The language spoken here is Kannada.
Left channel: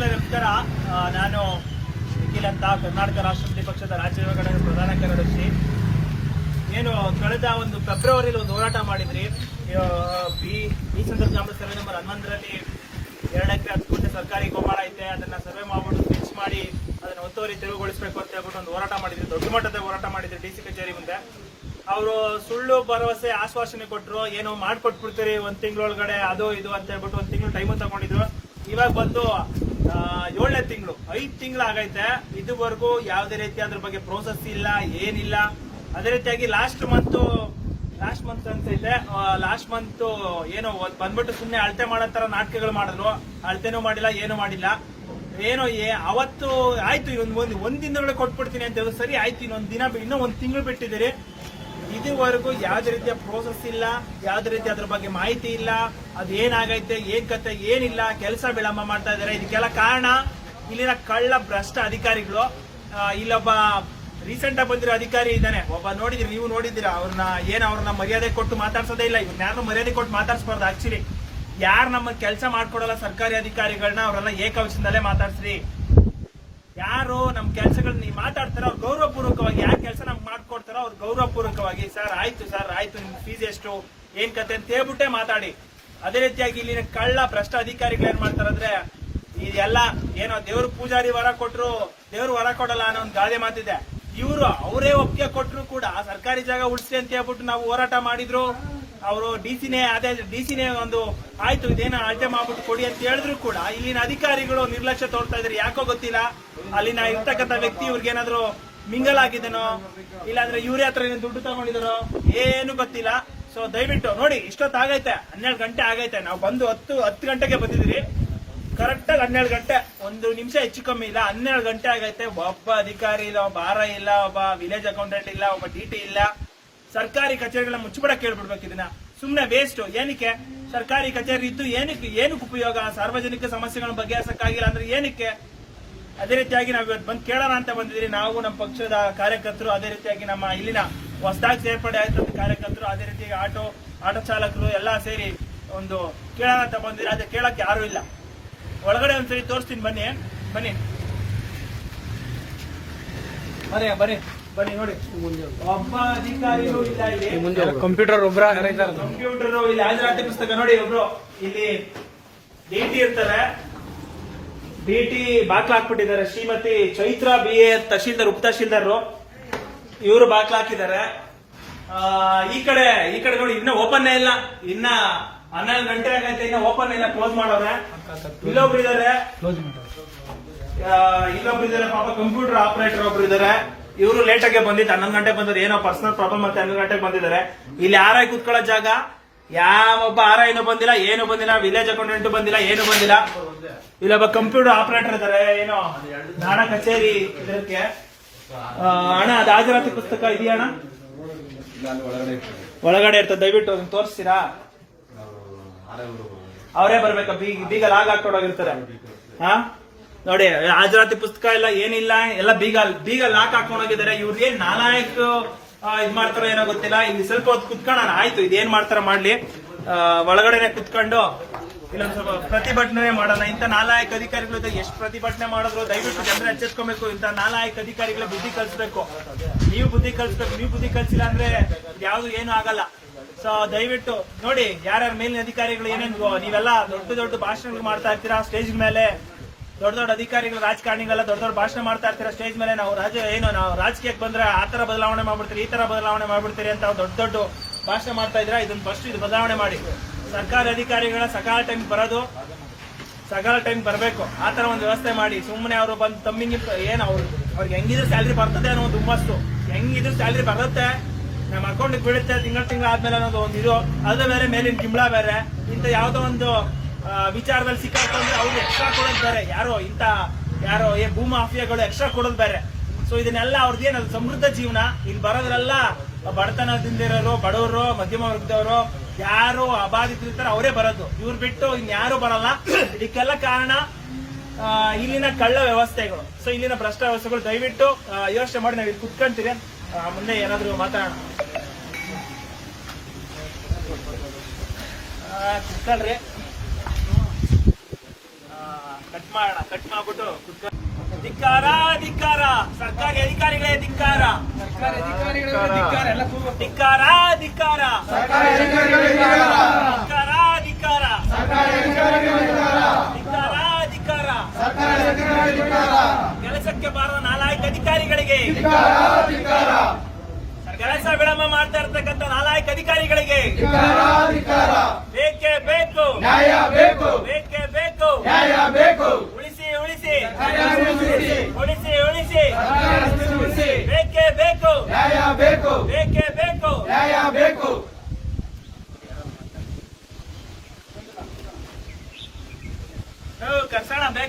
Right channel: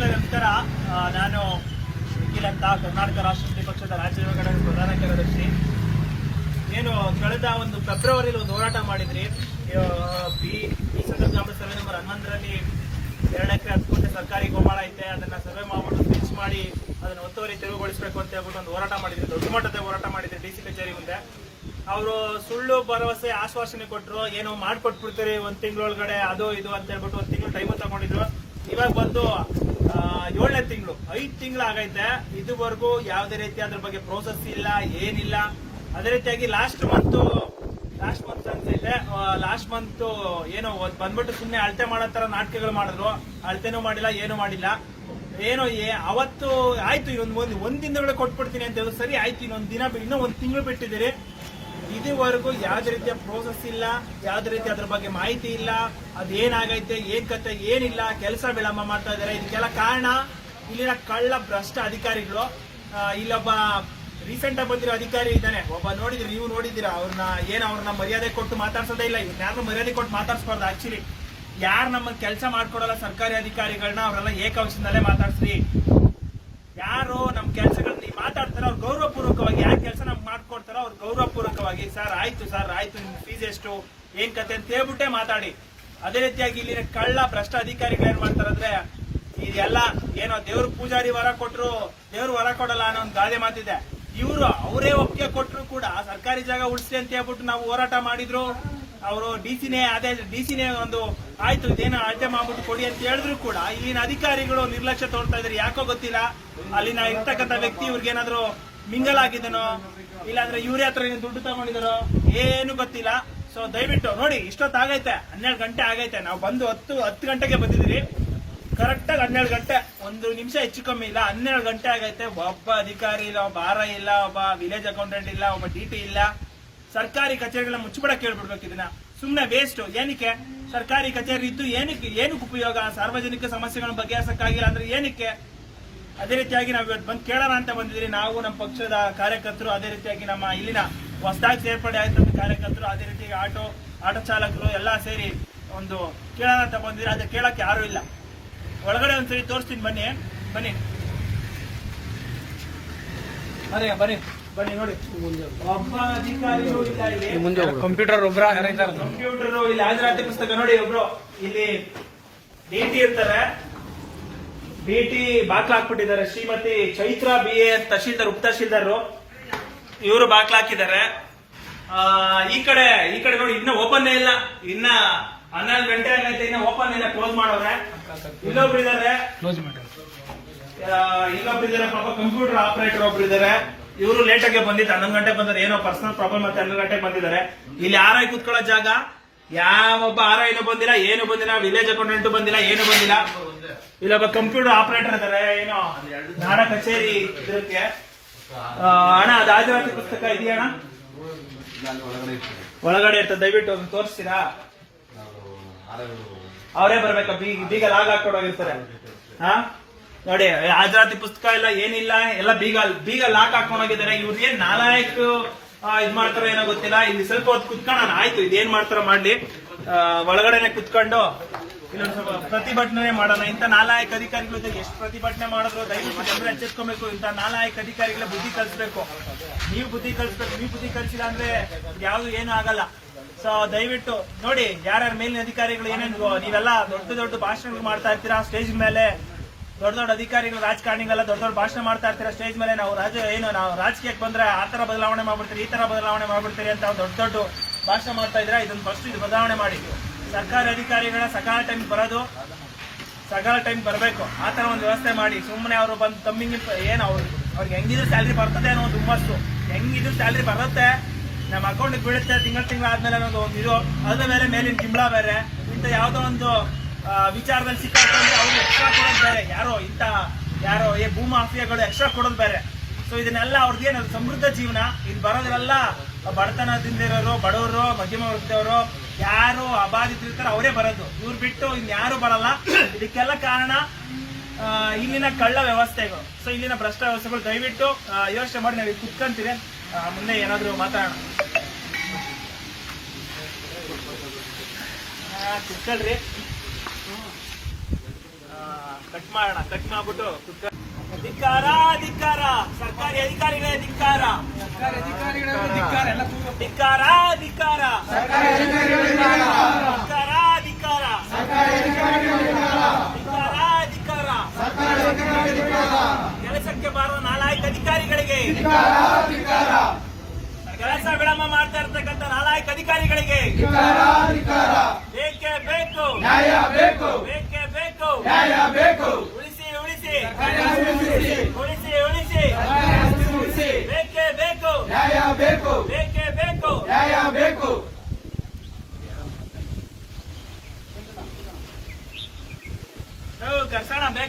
ಬಂಧುಗಳೇ ನಮಸ್ಕಾರ. ನಾನು ನಿಖಿಲ್ ಅಂತ, ಕರ್ನಾಟಕ ರಾಷ್ಟ್ರೀಯ ಪಕ್ಷದ ರಾಜ್ಯ ವಿಭಾಗದ ಪ್ರಧಾನ ಕಾರ್ಯದರ್ಶಿ. ಏನು ಕಳೆದ ಒಂದು ಫೆಬ್ರವರಿಲಿ ಒಂದು ಹೋರಾಟ ಮಾಡಿದ್ರಿ. ಈ ಸಂದರ್ಭ ಸರ್ವೆ ನಂಬರ್ 11ರಲ್ಲಿ 2 ಎಕರೆ 10 ಕೋಟಿ ಸರ್ಕಾರಿ ಗೋಮಾಳ ಐತೆ, ಅದನ್ನ ಸರ್ವೆ ಮಾಡ್ಬಿಟ್ಟು ಸ್ಕೆಚ್ ಮಾಡಿ ಅದನ್ನ ಒತ್ತುವರಿ ತೆರವುಗೊಳಿಸಬೇಕು ಅಂತ ಹೇಳ್ಬಿಟ್ಟು ಒಂದು ಹೋರಾಟ ಮಾಡಿದ್ರಿ. ದೊಡ್ಡ ಮಟ್ಟದ ಹೋರಾಟ ಮಾಡಿದ್ರಿ ಡಿಸಿ ಕಚೇರಿ ಮುಂದೆ. ಅವರು ಸುಳ್ಳು ಭರವಸೆ ಆಶ್ವಾಸನೆ ಕೊಟ್ಟರು, ಏನೋ ಮಾಡ್ಕೊಟ್ಬಿಡ್ತೀರಿ 1 ತಿಂಗಳೊಳಗಡೆ ಅದು ಇದು ಅಂತ ಹೇಳ್ಬಿಟ್ಟು 1 ತಿಂಗಳು ಟೈಮ್ ತಗೊಂಡಿದ್ರು. ಇವಾಗ ಬಂದು 7ನೇ ತಿಂಗಳು 5 ತಿಂಗಳು ಆಗೈತೆ. ಇದುವರೆಗೂ ಯಾವುದೇ ರೀತಿ ಅದ್ರ ಬಗ್ಗೆ ಪ್ರೋಸೆಸ್ ಇಲ್ಲ, ಏನಿಲ್ಲ. ಅದೇ ರೀತಿಯಾಗಿ ಲಾಸ್ಟ್ ಮಂತ್ ಅನ್ಸೈತೆ, ಲಾಸ್ಟ್ ಮಂತ್ ಏನೋ ಬಂದ್ಬಿಟ್ಟು ಸುಮ್ಮನೆ ಅಳತೆ ಮಾಡೋ ತರ ನಾಟಕಗಳು ಮಾಡಿದ್ರು. ಅಳತೆನೂ ಮಾಡಿಲ್ಲ, ಏನು ಮಾಡಿಲ್ಲ. ಏನೋ ಅವತ್ತು ಆಯ್ತು, ಒಂದ್ ದಿನದೊಳಗೆ ಕೊಟ್ಬಿಡ್ತೀನಿ ಅಂತ ಹೇಳಿ, ಸರಿ ಆಯ್ತು, ಇನ್ನೂ 1 ತಿಂಗಳು ಬಿಟ್ಟಿದ್ದೀರಿ. ಇದುವರೆಗೂ ಯಾವುದೇ ರೀತಿಯ ಪ್ರೋಸೆಸ್ ಇಲ್ಲ, ಯಾವುದೇ ರೀತಿ ಅದ್ರ ಬಗ್ಗೆ ಮಾಹಿತಿ ಇಲ್ಲ. ಅದೇನಾಗೈತೆ, ಏನ್ ಕತೆ, ಏನಿಲ್ಲ. ಕೆಲಸ ವಿಳಂಬ ಮಾಡ್ತಾ ಇದಾರೆ. ಇದಕ್ಕೆಲ್ಲ ಕಾರಣ ಇಲ್ಲಿನ ಕಳ್ಳ ಭ್ರಷ್ಟ ಅಧಿಕಾರಿಗಳು. ಇಲ್ಲೊಬ್ಬ ರೀಸೆಂಟ್ ಆಗಿ ಬಂದಿರೋ ಅಧಿಕಾರಿ ಇದ್ದಾನೆ, ಒಬ್ಬ ನೋಡಿದ್ರಿ, ನೀವು ನೋಡಿದ್ದೀರಾ ಅವ್ರನ್ನ. ಅವ್ರನ್ನ ಮರ್ಯಾದೆ ಕೊಟ್ಟು ಮಾತಾಡ್ಸೋದೇ ಇಲ್ಲ. ಇವ್ರನ್ನ ಯಾರು ಮರ್ಯಾದೆ ಕೊಟ್ಟು ಮಾತಾಡ್ಸ್ಬಾರ್ದು. ಆಕ್ಚುಲಿ ಯಾರು ನಮ್ಮ ಕೆಲಸ ಮಾಡ್ಕೊಡಲ್ಲ ಸರ್ಕಾರಿ ಅಧಿಕಾರಿಗಳನ್ನ, ಅವರೆಲ್ಲ ಏಕವಚನದಲ್ಲೇ ಮಾತಾಡ್ಸ್ರಿ. ಯಾರು ನಮ್ ಕೆಲಸಗಳನ್ನ ನೀವು ಮಾತಾಡ್ತಾರೋ ಅವ್ರು ಗೌರವಪೂರ್ವಕವಾಗಿ, ಯಾರ ಕೆಲಸ ನಮ್ಗೆ ಮಾಡ್ಕೊಡ್ತಾರೋ ಅವ್ರು ಗೌರವಪೂರ್ವಕವಾಗಿ ಸರ್ ಆಯ್ತು ನಿಮ್ ಫೀಸ್ ಎಷ್ಟು, ಏನ್ ಕತೆ ಅಂತ ಹೇಳ್ಬಿಟ್ಟೆ ಮಾತಾಡಿ. ಅದೇ ರೀತಿಯಾಗಿ ಇಲ್ಲಿನ ಕಳ್ಳ ಭ್ರಷ್ಟ ಅಧಿಕಾರಿಗಳು ಏನ್ ಮಾಡ್ತಾರಂದ್ರೆ, ಇದೆಲ್ಲ ಏನೋ ದೇವ್ರ ಪೂಜಾರಿ ವರ ಕೊಟ್ರು ದೇವ್ರು ವರ ಕೊಡಲ್ಲ ಅನ್ನೋ ಒಂದು ಗಾದೆ ಮಾತಿದೆ. ಇವರು ಅವರೇ ಒಪ್ಪಿಗೆ ಕೊಟ್ರು ಕೂಡ ಸರ್ಕಾರಿ ಜಾಗ ಉಳಿಸ್ಲಿ ಅಂತ ಹೇಳ್ಬಿಟ್ಟು ನಾವು ಹೋರಾಟ ಮಾಡಿದ್ರು. ಅವರು ಡಿಸಿನೇ ಒಂದು ಆಯ್ತು ಇದೇನೋ ಅಳತೆ ಮಾಡ್ಬಿಟ್ಟು ಕೊಡಿ ಅಂತ ಹೇಳಿದ್ರು ಕೂಡ ಇಲ್ಲಿನ ಅಧಿಕಾರಿಗಳು ನಿರ್ಲಕ್ಷ್ಯ ತೋರ್ತಾ ಇದ್ರು. ಯಾಕೋ ಗೊತ್ತಿಲ್ಲ. ಅಲ್ಲಿನ ಇರ್ತಕ್ಕಂಥ ವ್ಯಕ್ತಿ ಇವ್ರಿಗೇನಾದ್ರು ಮಿಂಗಲ್ ಆಗಿದನೋ, ಇಲ್ಲಾಂದ್ರೆ ಇವ್ರ ಹತ್ರ ದುಡ್ಡು ತಗೊಂಡಿದಾರೋ ಏನು ಗೊತ್ತಿಲ್ಲ. ಸೊ ದಯವಿಟ್ಟು ನೋಡಿ, ಇಷ್ಟೊತ್ತಾಗೈತೆ, 12 ಗಂಟೆ ಆಗೈತೆ. ನಾವು ಬಂದು 10 ಗಂಟೆಗೆ ಬಂದಿದ್ದೀರಿ. ಕರೆಕ್ಟ್ ಆಗಿ 12 ಗಂಟೆ, 1 ನಿಮಿಷ ಹೆಚ್ಚು ಕಮ್ಮಿ ಇಲ್ಲ, 12 ಗಂಟೆ ಆಗೈತೆ. ಒಬ್ಬ ಅಧಿಕಾರಿ ಇಲ್ಲ, ಒಬ್ಬ ಆರ್ ಇಲ್ಲ, ಒಬ್ಬ ವಿಲೇಜ್ ಅಕೌಂಟೆಂಟ್ ಇಲ್ಲ, ಒಬ್ಬ ಡಿಟಿ ಇಲ್ಲ. ಸರ್ಕಾರಿ ಕಚೇರಿಗಳನ್ನ ಮುಚ್ಚಿಬಿಡಕ್ಕೆ ಹೇಳ್ಬಿಡ್ಬೇಕು. ಇದನ್ನ ಸುಮ್ನೆ ವೇಸ್ಟ್. ಏನಕ್ಕೆ ಸರ್ಕಾರಿ ಕಚೇರಿ ಇದ್ದು ಏನಕ್ಕೆ ಉಪಯೋಗ? ಸಾರ್ವಜನಿಕ ಸಮಸ್ಯೆಗಳ ಬಗೆಹರಿಸಕ್ಕಾಗಿಲ್ಲ ಅಂದ್ರೆ ಏನಕ್ಕೆ? ಅದೇ ರೀತಿಯಾಗಿ ನಾವು ಇವತ್ತು ಬಂದು ಕೇಳೋಣ ಅಂತ ಬಂದಿದ್ರಿ. ನಾವು ನಮ್ಮ ಪಕ್ಷದ ಕಾರ್ಯಕರ್ತರು, ಅದೇ ರೀತಿಯಾಗಿ ನಮ್ಮ ಇಲ್ಲಿನ ಹೊಸದಾಗಿ ಸೇರ್ಪಡೆ ಆಯ್ತಂತ ಕಾರ್ಯಕರ್ತರು, ಅದೇ ರೀತಿಯಾಗಿ ಆಟೋ ಚಾಲಕರು ಎಲ್ಲ ಸೇರಿ ಒಂದು ಕೇಳೋಣ ಅಂತ ಬಂದಿದ್ರಿ. ಅದೇ ಕೇಳಕ್ಕೆ ಯಾರು ಇಲ್ಲ. ಒಳಗಡೆ ಒಂದ್ಸರಿ ತೋರಿಸ್ತೀನಿ, ಬನ್ನಿ ನೋಡಿ. ಒಬ್ಬ ಅಧಿಕಾರಿಗಳು ಇಲ್ಲ ಇಲ್ಲಿ. ಕಂಪ್ಯೂಟರ್ ಇಲ್ಲಿ ಹಾಜರಾತಿ ಪುಸ್ತಕ ನೋಡಿ. ಒಬ್ರು ಇಲ್ಲಿ ಡಿಟಿ ಇರ್ತಾರೆ, ಡಿಟಿ ಬಾಕ್ಲ ಹಾಕ್ಬಿಟ್ಟಿದ್ದಾರೆ. ಶ್ರೀಮತಿ ಚೈತ್ರ BA ತಹಶೀಲ್ದಾರ್, ಉಪ ತಹಶೀಲ್ದಾರ್, ಇವರು ಬಾಕ್ಲ ಹಾಕಿದ್ದಾರೆ. ಈ ಕಡೆ ನೋಡಿ, ಇನ್ನ ಓಪನ್ ಇಲ್ಲ. ಇನ್ನ 12 ಗಂಟೆ ಆಗೈತೆ, ಇನ್ನ ಓಪನ್ ಇಲ್ಲ, ಕ್ಲೋಸ್ ಮಾಡೋರೆ. ಇಲ್ಲೊಬ್ರು ಇದಾರೆ ಪಾಪ, ಕಂಪ್ಯೂಟರ್ ಆಪರೇಟರ್ ಒಬ್ರು ಇದಾರೆ. ಇವರು ಲೇಟ್ ಆಗಿ ಬಂದಿದ್ದು, 11 ಗಂಟೆ ಬಂದ್ರೆ ಏನೋ ಪರ್ಸನಲ್ ಪ್ರಾಬ್ಲಮ್ ಮತ್ತೆ 11 ಗಂಟೆಗೆ ಬಂದಿದ್ದಾರೆ. ಇಲ್ಲಿ ಆರ್ಐ ಕೂತ್ಕೊಳ್ಳೋ ಜಾಗ ಯಾವೊಬ್ಬ ಆರ್ಐನೂ ಬಂದಿಲ್ಲ, ಏನು ಬಂದಿಲ್ಲ. ವಿಲೇಜ್ ಅಕೌಂಟೆಂಟ್ ಬಂದಿಲ್ಲ, ಏನು ಬಂದಿಲ್ಲ. ಇಲ್ಲೊಬ್ಬ ಕಂಪ್ಯೂಟರ್ ಆಪರೇಟರ್ ಇದಾರೆ. ಏನೋ ಹಣ ಕಚೇರಿ ಇದಕ್ಕೆ ಹಣ, ಅದು ಹಾಜರಾತಿ ಪುಸ್ತಕ ಇದೆಯಾ ಅಣ್ಣ? ಒಳಗಡೆ ಇರ್ತದೆ. ದಯವಿಟ್ಟು ಅದನ್ನ ತೋರಿಸ್ತೀರಾ? ಅವರೇ ಬರ್ಬೇಕಾ? ಬೀಗ ಲಾಗ್ ಹಾಕೊಂಡೋಗಿರ್ತಾರೆ. ನೋಡಿ, ಹಾಜರಾತಿ ಪುಸ್ತಕ ಇಲ್ಲ, ಏನಿಲ್ಲ, ಎಲ್ಲ ಬೀಗ ಲಾಕ್ ಹಾಕೊಂಡೋಗಿದ್ದಾರೆ. ಇವ್ರಿಗೆ ನಾಲಾಯಕ್ ಇದ್ ಮಾಡ್ತಾರೋ ಏನೋ ಗೊತ್ತಿಲ್ಲ. ಇಲ್ಲಿ ಸ್ವಲ್ಪ ಹೊತ್ತು ಕುತ್ಕೊಳ್ಳೋಣ, ಆಯ್ತು, ಇದೇನ್ ಮಾಡ್ತಾರ ಮಾಡ್ಲಿ. ಒಳಗಡೆನೆ ಕುತ್ಕೊಂಡು ಇಲ್ಲ ಸ್ವಲ್ಪ ಪ್ರತಿಭಟನೆ ಮಾಡೋಣ. ಇಂಥ ನಾಲಾಯಕ್ ಅಧಿಕಾರಿಗಳು ಎಷ್ಟು ಪ್ರತಿಭಟನೆ ಮಾಡಿದ್ರು ದಯವಿಟ್ಟು ಜನರು ಎಚ್ಚೆತ್ಕೊಬೇಕು. ಇಂಥ ನಾಲಾಯಕ್ ಅಧಿಕಾರಿಗಳ ಬುದ್ಧಿ ಕಲಿಸ್ಬೇಕು. ನೀವು ಬುದ್ಧಿ ಕಲಿಸಿಲ್ಲ ಅಂದ್ರೆ ಯಾವ್ದು ಏನು ಆಗಲ್ಲ. ಸೊ ದಯವಿಟ್ಟು ನೋಡಿ, ಯಾರ್ಯಾರ ಮೇಲಿನ ಅಧಿಕಾರಿಗಳು ಏನೇನು ನೀವೆಲ್ಲ ದೊಡ್ಡ ಭಾಷಣಗಳು ಮಾಡ್ತಾ ಇರ್ತೀರಾ ಸ್ಟೇಜ್ ಮೇಲೆ. ದೊಡ್ಡ ಅಧಿಕಾರಿಗಳು, ರಾಜಕಾರಣಿಗಳೆಲ್ಲ ದೊಡ್ಡ ಭಾಷಣ ಮಾಡ್ತಾ ಇರ್ತೀರಾ ಸ್ಟೇಜ್ ಮೇಲೆ. ನಾವು ರಾಜಕೀಯಕ್ಕೆ ಬಂದ್ರೆ ಆ ತರ ಬದಲಾವಣೆ ಮಾಡ್ಬಿಡ್ತೀರಿ, ಈ ತರ ಬದಲಾವಣೆ ಮಾಡ್ಬಿಡ್ತೀರಿ ಅಂತ ದೊಡ್ಡ ಭಾಷಣ ಮಾಡ್ತಾ ಇದ್ದೀರಾ. ಇದನ್ನ ಫಸ್ಟ್ ಇದು ಬದಲಾವಣೆ ಮಾಡಿ. ಸರ್ಕಾರಿ ಅಧಿಕಾರಿಗಳ ಸಕಾಲ ಟೈಮ್ ಬರಬೇಕು. ಆ ತರ ಒಂದು ವ್ಯವಸ್ಥೆ ಮಾಡಿ. ಸುಮ್ಮನೆ ಅವರು ಬಂದು ತಮ್ಮಿಂಗ್ ಅವ್ರಿಗೆ ಹೆಂಗಿದ್ರು ಸ್ಯಾಲ್ರಿ ಬರ್ತದೆ ಅನ್ನೋ ಒಂದು ಹುಮ್ಮಸ್ಸು. ಹೆಂಗಿದ್ರು ಸ್ಯಾಲ್ರಿ ಬರುತ್ತೆ, ನಮ್ಮ ಅಕೌಂಟ್ ಬೀಳುತ್ತೆ ತಿಂಗಳ ಆದ್ಮೇಲೆ ಅನ್ನೋದು ಒಂದು ಇದು. ಅದ್ರ ಮೇಲೆ ಮೇಲಿನ ಗಿಂಬಳ ಬೇರೆ. ಇಂಥ ಯಾವ್ದೋ ಒಂದು ವಿಚಾರದಲ್ಲಿ ಸಿಕ್ಕಾಕೊಂಡ್ರೆ ಅವ್ರಿಗೆ ಎಕ್ಸ್ಟ್ರಾ ಕೊಡೋದು ಬೇರೆ. ಯಾರೋ ಭೂ ಮಾಫಿಯಾಗಳು ಎಕ್ಸ್ಟ್ರಾ ಕೊಡೋದು ಬೇರೆ. ಸೊ ಇದನ್ನೆಲ್ಲ ಅವ್ರದ್ದೇನು ಸಮೃದ್ಧ ಜೀವನ. ಇಲ್ಲಿ ಬರೋದ್ರೆಲ್ಲ ಬಡತನದಿಂದ ಇರೋರು, ಬಡವರು, ಮಧ್ಯಮ ವರ್ಗದವರು, ಯಾರು ಅಬಾಧಿತರಿರ್ತಾರೆ ಅವರೇ ಬರೋದು. ಇವ್ರು ಬಿಟ್ಟು ಇನ್ಯಾರು ಬರಲ್ಲ. ಇದಕ್ಕೆಲ್ಲ ಕಾರಣ ಇಲ್ಲಿನ ಕಳ್ಳ ವ್ಯವಸ್ಥೆಗಳು. ಸೊ ಇಲ್ಲಿನ ಭ್ರಷ್ಟ ವ್ಯವಸ್ಥೆಗಳು. ದಯವಿಟ್ಟು ಯೋಚನೆ ಮಾಡಿ, ನಾವು ಇಲ್ಲಿ ಕುತ್ಕೊಂತೀವಿ, ಮುಂದೆ ಏನಾದ್ರು ಮಾತಾಡೋಣ. ಕುತ್ಕೊಳ್ರಿ. ಕಟ್ ಮಾಡೋಣ, ಕಟ್ ಮಾಡ್ಬಿಟ್ಟು ಧಿಕ್ಕಾರ ಧಿಕ್ಕಾರ, ಸರ್ಕಾರಿ ಅಧಿಕಾರಿಗಳೇ ಧಿಕ್ಕಾರ, ಧಿಕ್ಕಾರ ಧಿಕ್ಕಾರ, ಧಿಕ್ಕಾರ ಧಿಕ್ಕಾರ, ಕೆಲಸಕ್ಕೆ ಬಾರುವ ನಾಲಾಯಕ ಅಧಿಕಾರಿಗಳಿಗೆ, ಕೆಲಸ ವಿಳಂಬ ಮಾಡ್ತಾ ಇರ್ತಕ್ಕಂಥ ನಾಲಾಯಕ ಅಧಿಕಾರಿಗಳಿಗೆ ಬೇಕೇ ಬೇಕು, ನ್ಯಾಯ ಬೇಕು, ಬೇಕೇ ಬೇಕು, ನ್ಯಾಯ ಬೇಕು, ಉಳಿಸಿ ಉಳಿಸಿ, ಉಳಿಸಿ, ಉಳಿಸಿ ಉಳಿಸಿ, ಬೇಕೇ ಬೇಕು, ನ್ಯಾಯ ಬೇಕು, ಬೇಕೇ ಬೇಕು, ನ್ಯಾಯ ಬೇಕು. ನಾವು ಕರ್ಸೋಣ ಬೇಗ.